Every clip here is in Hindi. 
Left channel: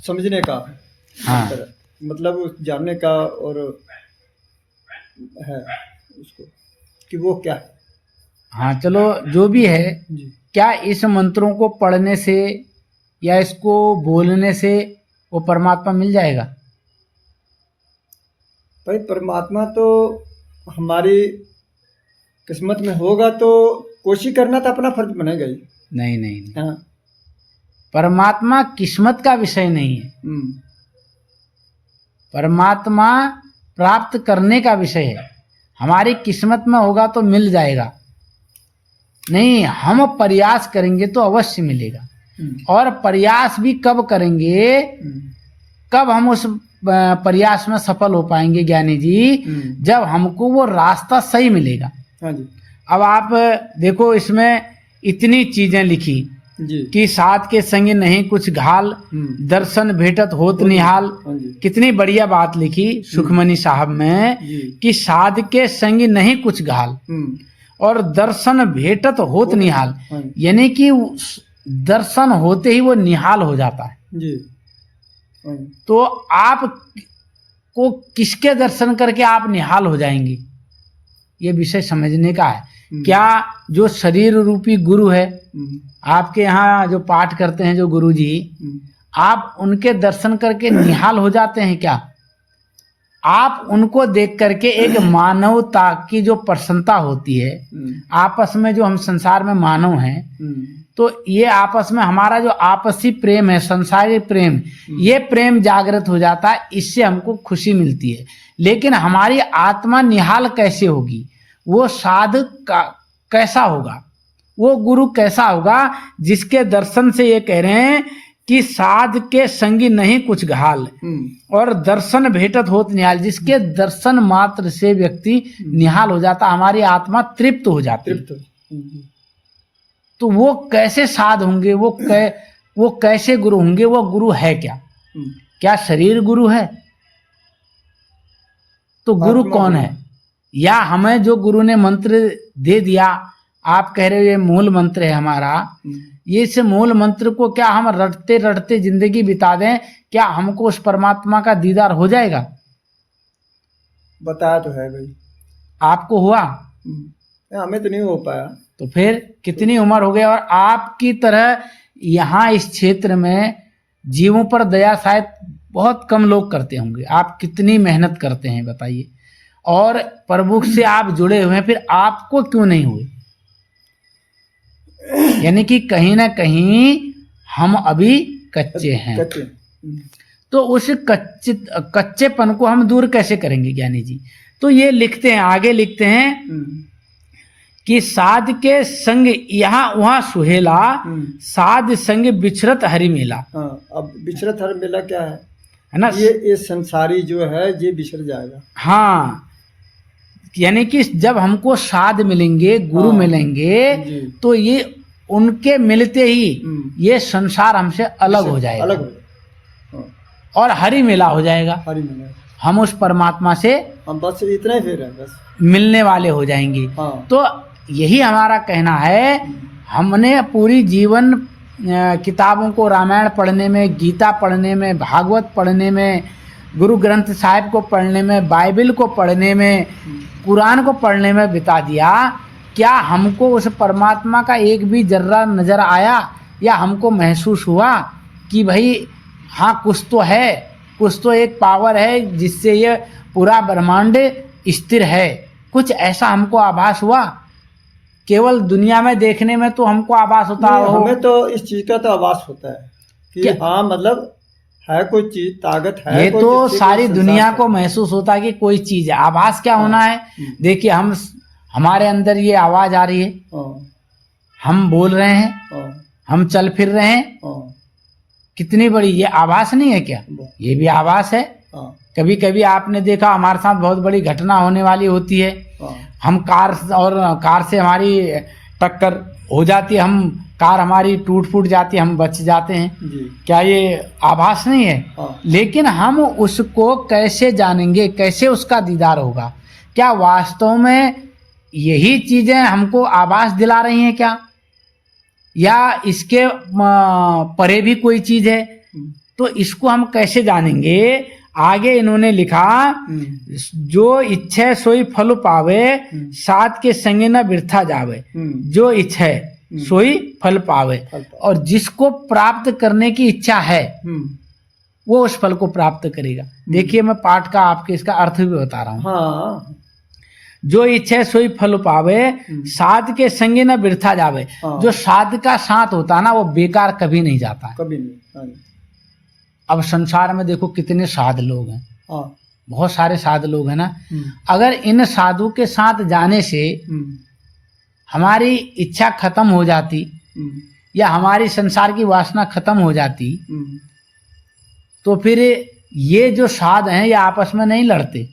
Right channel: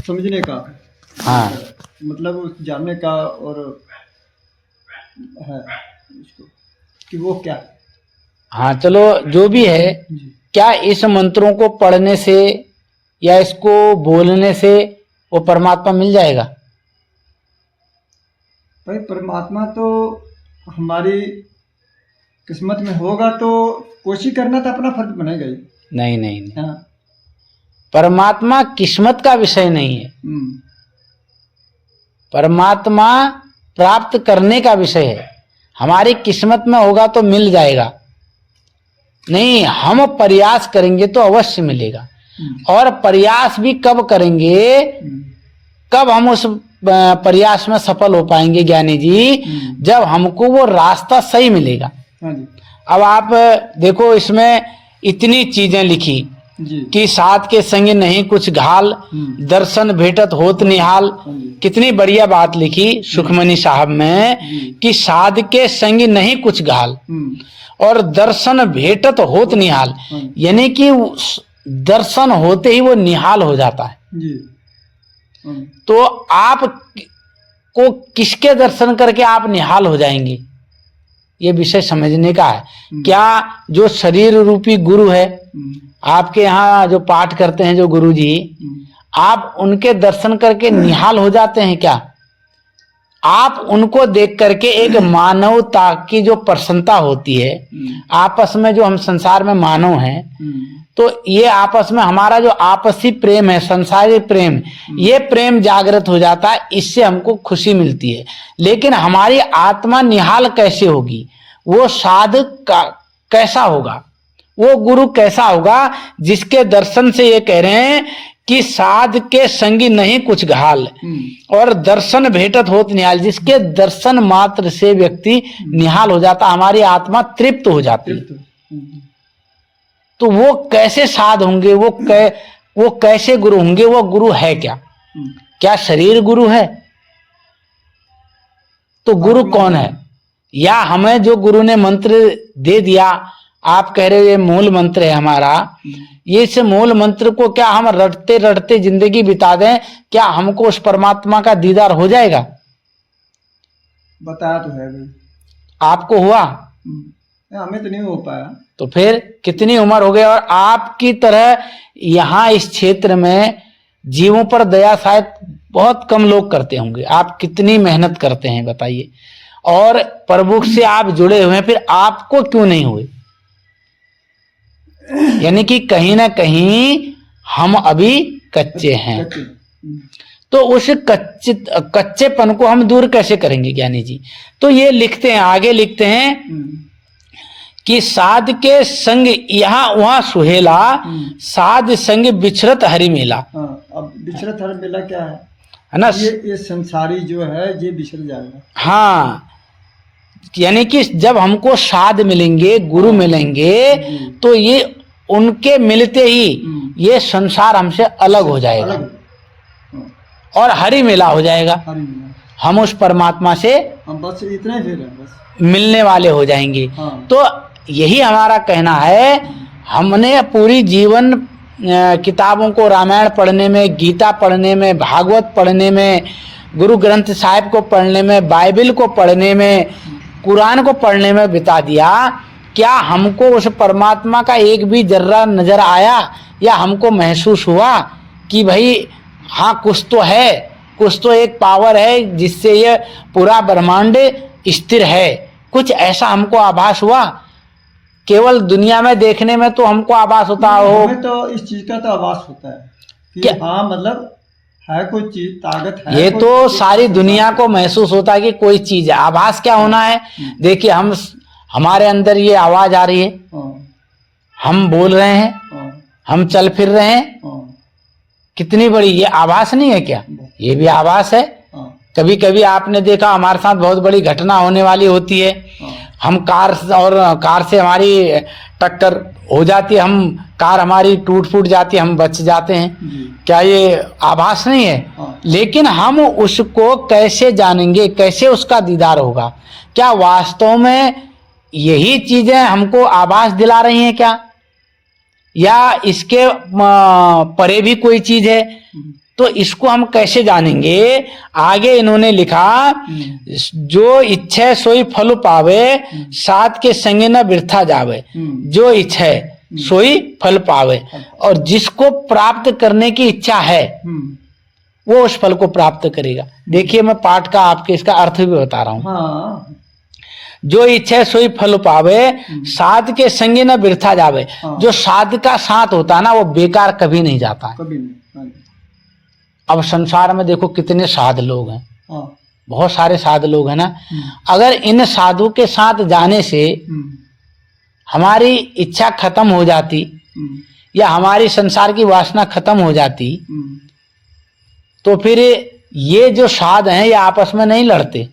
समझने का हाँ मतलब जानने का और है उसको कि वो क्या है। हाँ, चलो जो भी है, जी क्या इस मंत्रों को पढ़ने से या इसको बोलने से वो परमात्मा मिल जाएगा? भाई, परमात्मा तो हमारी किस्मत में होगा तो कोशिश करना तो अपना फर्ज बनेगा ही। नहीं नहीं नहीं, हाँ। परमात्मा किस्मत का विषय नहीं है, हम्म। परमात्मा प्राप्त करने का विषय है। हमारी किस्मत में होगा तो मिल जाएगा, नहीं हम प्रयास करेंगे तो अवश्य मिलेगा। और प्रयास भी कब करेंगे, कब हम उस प्रयास में सफल हो पाएंगे ज्ञानी जी, जब हमको वो रास्ता सही मिलेगा। हाँ जी। अब आप देखो, इसमें इतनी चीजें लिखी जी कि साध के संग नहीं कुछ घाल, दर्शन भेटत होत निहाल। हाँ जी। कितनी बढ़िया बात लिखी सुखमनी साहब में कि साध के संग नहीं कुछ घाल और दर्शन भेटत होत निहाल, यानी कि दर्शन होते ही वो निहाल हो जाता है। जी। तो आप को किसके दर्शन करके आप निहाल हो जाएंगे, ये विषय समझने का है। क्या जो शरीर रूपी गुरु है, आपके यहाँ जो पाठ करते हैं जो गुरु जी, आप उनके दर्शन करके निहाल हो जाते हैं क्या? आप उनको देख करके एक मानवता की जो प्रसन्नता होती है, आपस में जो हम संसार में मानव हैं, तो ये आपस में हमारा जो आपसी प्रेम है, संसारी प्रेम, ये प्रेम जागृत हो जाता है, इससे हमको खुशी मिलती है। लेकिन हमारी आत्मा निहाल कैसे होगी, वो साधक का कैसा होगा, वो गुरु कैसा होगा जिसके दर्शन से ये कह रहे हैं कि साध के संगी नहीं कुछ घाल और दर्शन भेटत होत निहाल, जिसके दर्शन मात्र से व्यक्ति निहाल हो जाता, हमारी आत्मा तृप्त हो जाती है। तो वो कैसे साध होंगे, वो कैसे गुरु होंगे, वो गुरु है क्या? क्या शरीर गुरु है? तो गुरु कौन है? या हमें जो गुरु ने मंत्र दे दिया, आप कह रहे हो ये मूल मंत्र है हमारा, ये इस मूल मंत्र को क्या हम रटते रटते जिंदगी बिता दें, क्या हमको उस परमात्मा का दीदार हो जाएगा? बताया तो है भाई। आपको हुआ? हमें तो नहीं हो पाया। तो फिर कितनी उम्र हो गई, और आपकी तरह यहाँ इस क्षेत्र में जीवों पर दया शायद बहुत कम लोग करते होंगे। आप कितनी मेहनत करते हैं बताइए, और प्रभु से आप जुड़े हुए हैं, फिर आपको क्यों नहीं हुए? यानी कि कहीं ना कहीं हम अभी कच्चे हैं। तो उस कच्चेपन को हम दूर कैसे करेंगे ज्ञानी जी? तो ये लिखते हैं, आगे लिखते हैं कि साध के संग यहाँ वहां सुहेला, साध संग बिछरत हरि मेला। अब बिछरत हरि मेला क्या है ना? ये संसारी जो है ये बिछड़ जाएगा। हाँ, यानी कि जब हमको साध मिलेंगे, गुरु मिलेंगे, तो ये उनके मिलते ही ये संसार हमसे अलग हो जाएगा और हरि मेला हो जाएगा। हरि मेला, हम उस परमात्मा से बस इतना ही फिर है, बस मिलने वाले हो जाएंगे। तो यही हमारा कहना है। हमने पूरी जीवन किताबों को, रामायण पढ़ने में, गीता पढ़ने में, भागवत पढ़ने में, गुरु ग्रंथ साहिब को पढ़ने में, बाइबल को पढ़ने में, कुरान को पढ़ने में बिता दिया। क्या हमको उस परमात्मा का एक भी जर्रा नजर आया, या हमको महसूस हुआ कि भाई हाँ कुछ तो है, कुछ तो एक पावर है जिससे ये पूरा ब्रह्मांड स्थिर है? कुछ ऐसा हमको आभास हुआ? केवल दुनिया में देखने में तो हमको आभास होता हो, हमें तो इस चीज का तो आभास होता है कि हाँ मतलब है कोई चीज, ताकत है। ये तो सारी दुनिया को महसूस होता है कि कोई चीज है। आभास क्या होना है? देखिए, हमारे अंदर ये आवाज आ रही है, हम बोल रहे हैं, हम चल फिर रहे हैं, कितनी बड़ी ये आभास नहीं है क्या? ये भी आभास है। कभी कभी आपने देखा हमारे साथ बहुत बड़ी घटना होने वाली होती है, हम कार से हमारी टक्कर हो जाती है, हम कार हमारी टूट फूट जाती है, हम बच जाते हैं। क्या ये आभास नहीं है? लेकिन हम उसको कैसे जानेंगे, कैसे उसका दीदार होगा? क्या वास्तव में यही चीजें हमको आभास दिला रही हैं क्या, या इसके परे भी कोई चीज है? तो इसको हम कैसे जानेंगे? आगे इन्होंने लिखा, जो इच्छे सोई फल पावे, साथ के संगे न बिरथा जावे। जो इच्छे सोई फल पावे, और जिसको प्राप्त करने की इच्छा है वो उस फल को प्राप्त करेगा। देखिए मैं पाठ का आपके इसका अर्थ भी बता रहा हूं। हाँ। जो इच्छा सोई फल पावे, साध के संगे न बिरथा जावे। जो साध का साथ होता है ना, वो बेकार कभी नहीं जाता है। कभी नहीं। अब संसार में देखो कितने साध लोग हैं, हाँ। बहुत सारे साध लोग हैं ना। अगर इन साधु के साथ जाने से हमारी इच्छा खत्म हो जाती, या हमारी संसार की वासना खत्म हो जाती, तो फिर ये जो साध हैं ये आपस में नहीं लड़ते।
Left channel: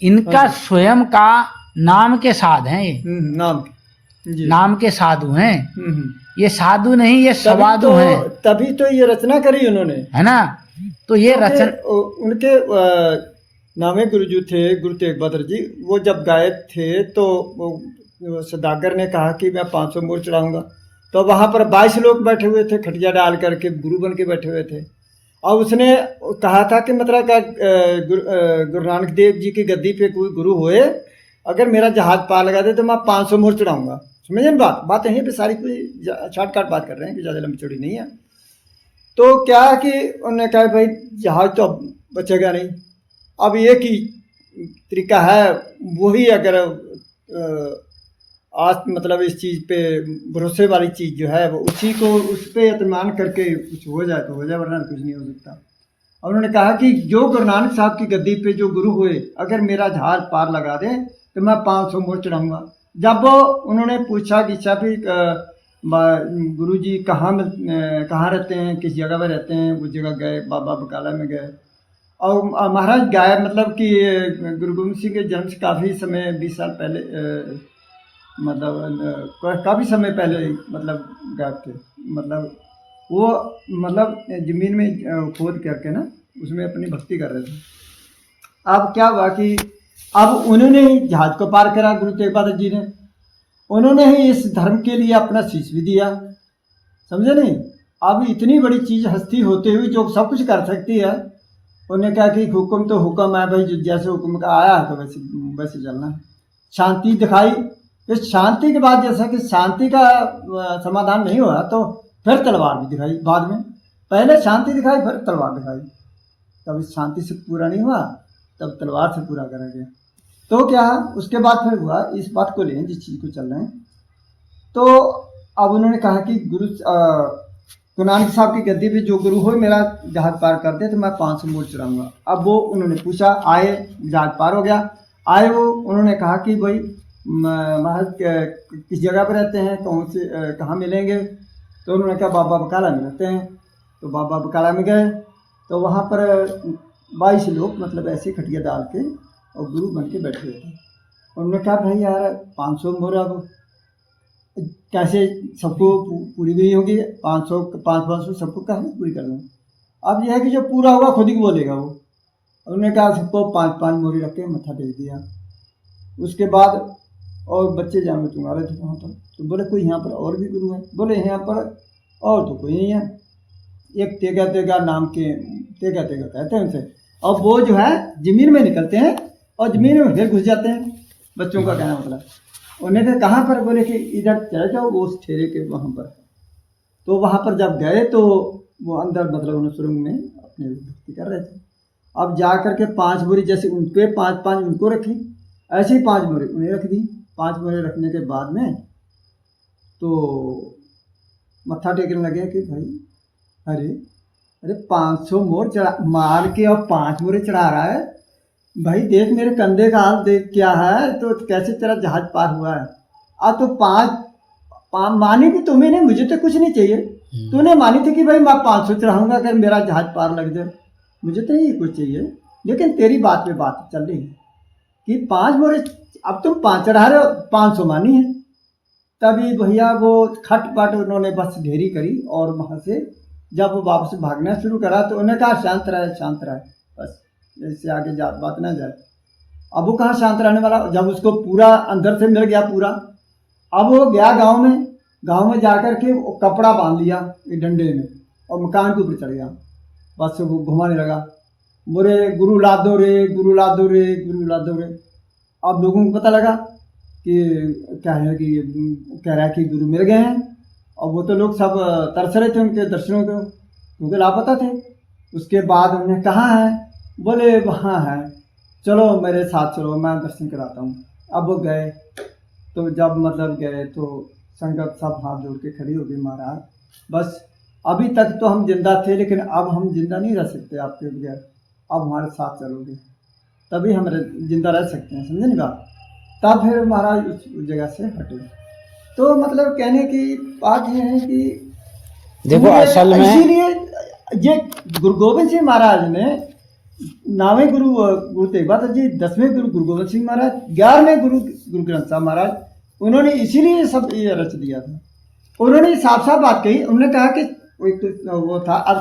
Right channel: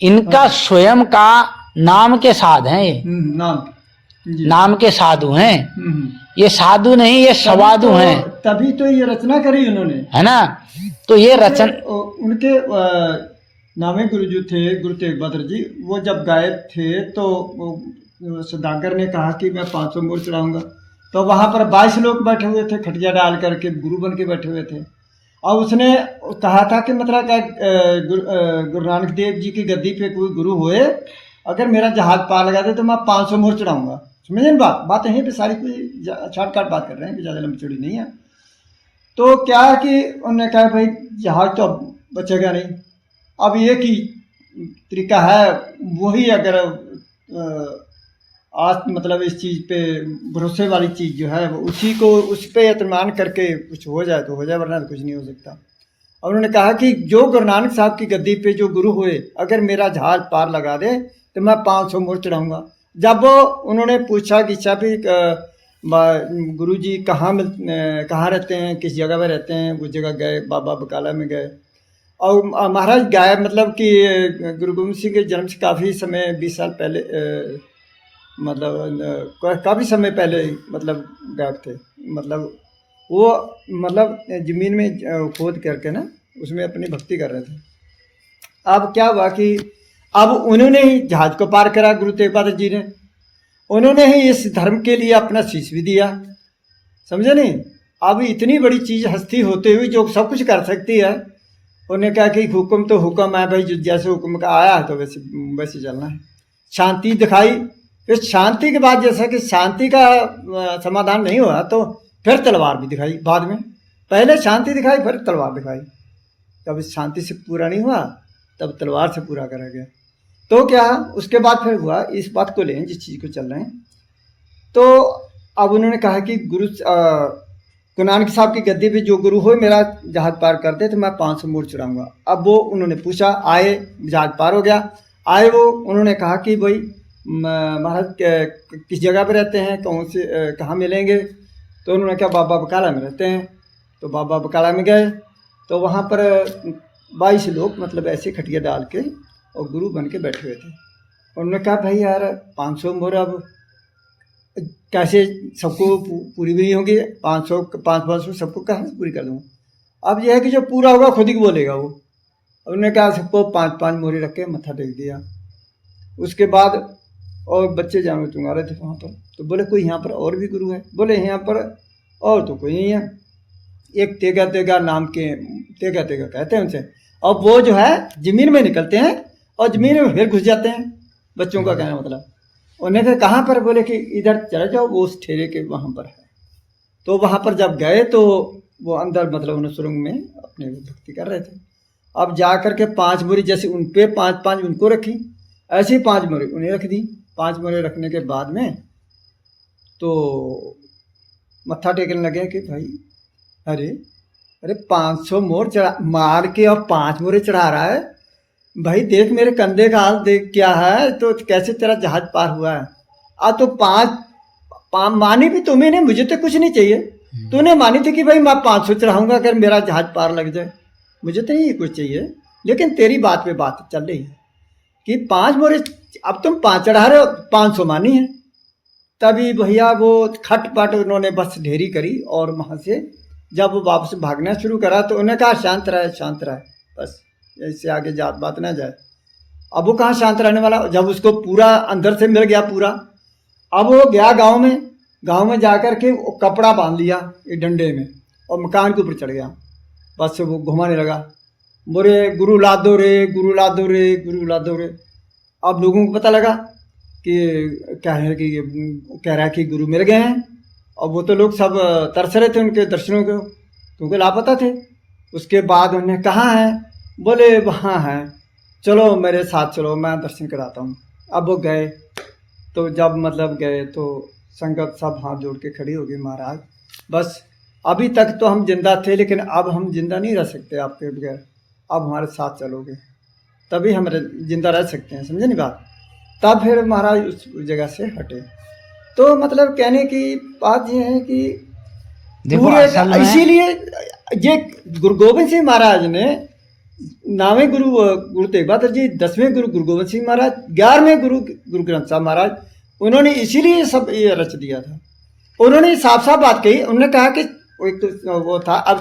इनका स्वयं का नाम के साध हैं, ये नाम के साधु हैं। ये साधु नहीं, ये सवाधु हैं। तभी तो ये रचना करी उन्होंने, है ना। तो ये रचना उनके नामे गुरुजी थे, गुरु तेग बहादुर जी। वो जब गायब थे तो सौदागर ने कहा कि मैं 500 मोर चढ़ाऊंगा। तो वहाँ पर 22 लोग बैठे हुए थे, खटिया डाल करके गुरु बन के बैठे हुए थे। और उसने कहा था कि मतलब क्या गुरु नानक देव जी की गद्दी पे कोई गुरु होए, अगर मेरा जहाज पार लगा दे तो मैं 500 मोर चढ़ाऊंगा। समझे ना बात यहीं पे सारी कोई शॉर्टकट बात कर रहे हैं कि ज़्यादा लंबी चौड़ी नहीं है। तो क्या है कि उन्होंने कहा भाई जहाज तो अब बचेगा नहीं, अब एक ही तरीका है, वही अगर आज मतलब इस चीज़ पे भरोसे वाली चीज़ जो है वो उसी को उस पर एतमान करके कुछ हो जाए तो हो जाए, वरना कुछ नहीं हो सकता। और उन्होंने कहा कि जो गुरु नानक साहब की गद्दी पे जो गुरु हुए, अगर मेरा जहाज पार लगा दे तो मैं 500 मोर चढ़ाऊँगा। जब वो उन्होंने पूछा कि भी गुरु जी कहाँ रहते हैं, किस जगह पर रहते हैं, उस जगह गए, बाबा बकाला में गए। और महाराज गायब मतलब कि गुरु गोविंद सिंह के जन्म से काफ़ी समय 20 साल पहले मतलब काफ़ी समय पहले मतलब गायब थे। मतलब वो मतलब ज़मीन में खोद करके ना उसमें अपनी भक्ति कर रहे थे। अब क्या हुआ कि अब उन्होंने ही जहाज को पार करा, गुरु तेग बहादुर जी ने। उन्होंने ही इस धर्म के लिए अपना शीश भी दिया, समझे नहीं। अब इतनी बड़ी चीज़ हस्ती होते हुए जो सब कुछ कर सकती है, उन्होंने कहा कि हुक्म तो हुक्म है भाई, जो जैसे हुक्म का आया है तो वैसे चलना है। शांति दिखाई। इस शांति के बाद जैसा कि शांति का समाधान नहीं हुआ तो फिर तलवार भी दिखाई बाद में। पहले शांति दिखाई, फिर तलवार दिखाई। जब इस शांति से पूरा नहीं हुआ तब तलवार से पूरा करा गया। तो क्या उसके बाद फिर हुआ, इस बात को लें जिस चीज़ को चल रहे हैं। तो अब उन्होंने कहा कि गुरु नानक साहब की गद्दी पे जो गुरु हो मेरा जहाज पार कर दे तो मैं 500 मोर चढ़ाऊँगा। अब वो उन्होंने पूछा, आए, जहाज पार हो गया। आए वो उन्होंने कहा कि भाई महाराज किस जगह पे रहते हैं, कहाँ मिलेंगे। तो उन्होंने कहा बाबा बकाला में रहते हैं। तो बाबा बकाला में गए तो वहाँ पर 22 लोग मतलब ऐसे खटिया डाल के और गुरु बन के बैठे हुए थे। उन्होंने कहा भाई यार 500 मोर अब कैसे सबको पूरी भी होंगी, 500 सबको कहाँ पूरी कर दूँगा। अब यह है कि जो पूरा होगा खुद ही बोलेगा वो। उन्होंने कहा सबको 5-5 मोरे रख के मत्था टेक दिया। उसके बाद और बच्चे जानो तुम्हारे थे वहाँ पर, तो बोले कोई यहाँ पर और भी गुरु है। बोले यहाँ पर और तो कोई नहीं है, एक तेगा नाम के तेगा कहते हैं उनसे। अब वो जो है ज़मीन में निकलते हैं और ज़मीन में फिर घुस जाते हैं। बच्चों का कहना मतलब। उन्हें कहा कहाँ पर, बोले कि इधर चले जाओ, वो उस ठेरे के वहाँ पर है। तो वहाँ पर जब गए तो वो अंदर मतलब उन्हें सुरंग में अपने भक्ति कर रहे थे। अब जा कर के 5 मोरी जैसे उन पे 5-5 उनको रखी, ऐसे ही 5 मोरी उन्हें रख दी। 5 मोरे रखने के बाद में तो मत्था टेकने लगे कि भाई अरे 500 मोर चढ़ा मार के और 5 मोरे चढ़ा रहा है भाई, देख मेरे कंधे का हाल देख क्या है, तो कैसे तेरा जहाज पार हुआ है। तो 5 मानी भी तुम्हें नहीं, मुझे तो कुछ नहीं चाहिए। तूने मानी थी कि भाई मैं 500 चढ़ाऊंगा अगर मेरा जहाज पार लग जाए, मुझे तो नहीं कुछ चाहिए। लेकिन तेरी बात पे बात चल रही है कि 5 मोरे, अब तुम 5 चढ़ा रहे हो, 500 मानी है। तभी भैया वो खटपट उन्होंने बस ढेरी करी और वहाँ से जब वो वापस भागना शुरू करा तो उन्होंने कहा शांत रहे बस, इससे आगे बात ना जाए। अब वो कहाँ शांत रहने वाला, जब उसको पूरा अंदर से मिल गया पूरा। अब वो गया गांव में जा कर के कपड़ा बांध लिया एक डंडे में और मकान के ऊपर चढ़ गया। बस वो घुमाने लगा, बोले गुरु ला दो रे, गुरु ला दो रे, गुरु ला दो रे। अब लोगों को पता लगा कि क्या है कि कह रहा है कि गुरु मिल गए हैं। और वो तो लोग सब तरस रहे थे उनके दर्शनों को, क्योंकि लापता थे। उसके बाद उन्हें कहाँ है, बोले वहाँ है, चलो मेरे साथ चलो, मैं दर्शन कराता हूँ। अब वो गए, तो जब मतलब गए तो संगत सब हाथ जोड़ के खड़ी हो गई, महाराज बस अभी तक तो हम जिंदा थे, लेकिन अब हम जिंदा नहीं रह सकते आपके बगैर, अब हमारे साथ चलोगे तभी हम जिंदा रह सकते हैं, समझे नहीं बात। तब फिर महाराज उस जगह से हटे। तो मतलब कहने की बात ये है कि देखो असल में इसीलिए ये गुरु गोविंद सिंह महाराज ने 9वें गुरु गुरु तेग बहादुर जी, 10वें गुरु गुरु गोविंद सिंह महाराज, 11वें गुरु गुरु ग्रंथ साहब महाराज, उन्होंने इसीलिए सब ये रच दिया था। उन्होंने साफ साफ बात कही, उन्होंने कहा कि वो था अब